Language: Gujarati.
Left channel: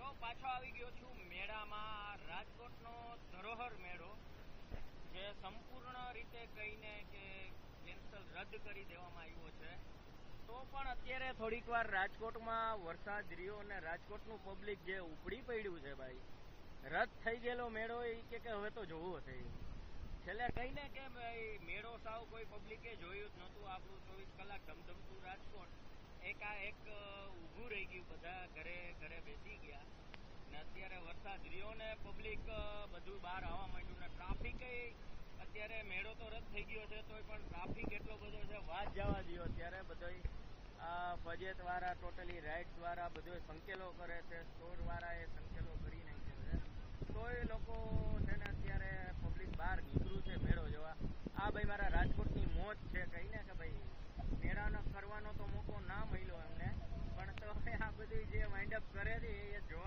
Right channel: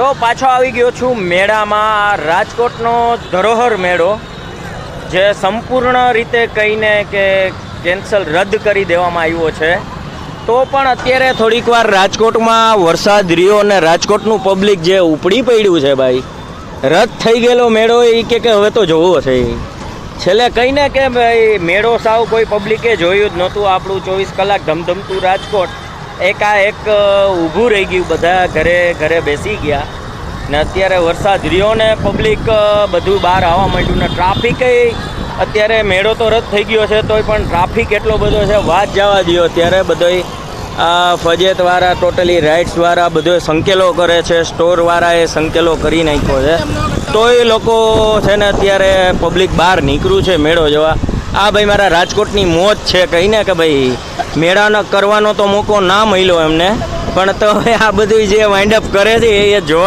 તો પાછો આવી ગયો છું મેળામાં. રાજકોટનો ધરોહર મેળો જે સંપૂર્ણ રીતે કહીને કે કેન્સલ રદ કરી દેવામાં આવ્યો છે. તો પણ અત્યારે થોડીક વાર રાજકોટમાં વરસાદ રહ્યો અને રાજકોટનું પબ્લિક જે ઉપડી પડ્યું છે ભાઈ, રદ થઈ ગયેલો મેળો એ કે હવે તો જોવો છે. છેલ્લે કહીને કે ભાઈ મેળો સાવ કોઈ પબ્લિકે જોયું જ નહોતું. આપણું 24 કલાક ધમધમતું રાજકોટ એકાએક ઊભું રહી ગયું, બધા ઘરે ઘરે બેસી ગયા ને અત્યારે વરસાદ રહ્યો ને પબ્લિક બધું બહાર આવવા માંડ્યું ને ટ્રાફિક અત્યારે મેળો તો રદ થઈ ગયો છે તોય પણ ટ્રાફિક એટલો બધો છે વાત જવા દો. અત્યારે બધોય ફજેતવાળા ટોટલી રાઇડ્સવાળા બધો સંકેલો કરે છે, સ્ટોરવાળાએ સંકેલો કરી નાખ્યો છે તોય લોકો છે ને અત્યારે પબ્લિક બહાર નીકળ્યું છે મેળો જોવા. આ ભાઈ મારા રાજકોટની મોજ છે કહીને કે ભાઈ મેળાનો કરવાનો તો મોકો ના મળ્યો એમને, પણ તો આ બધું જે વાઇન્ડ અપ કરે છે એ જોવા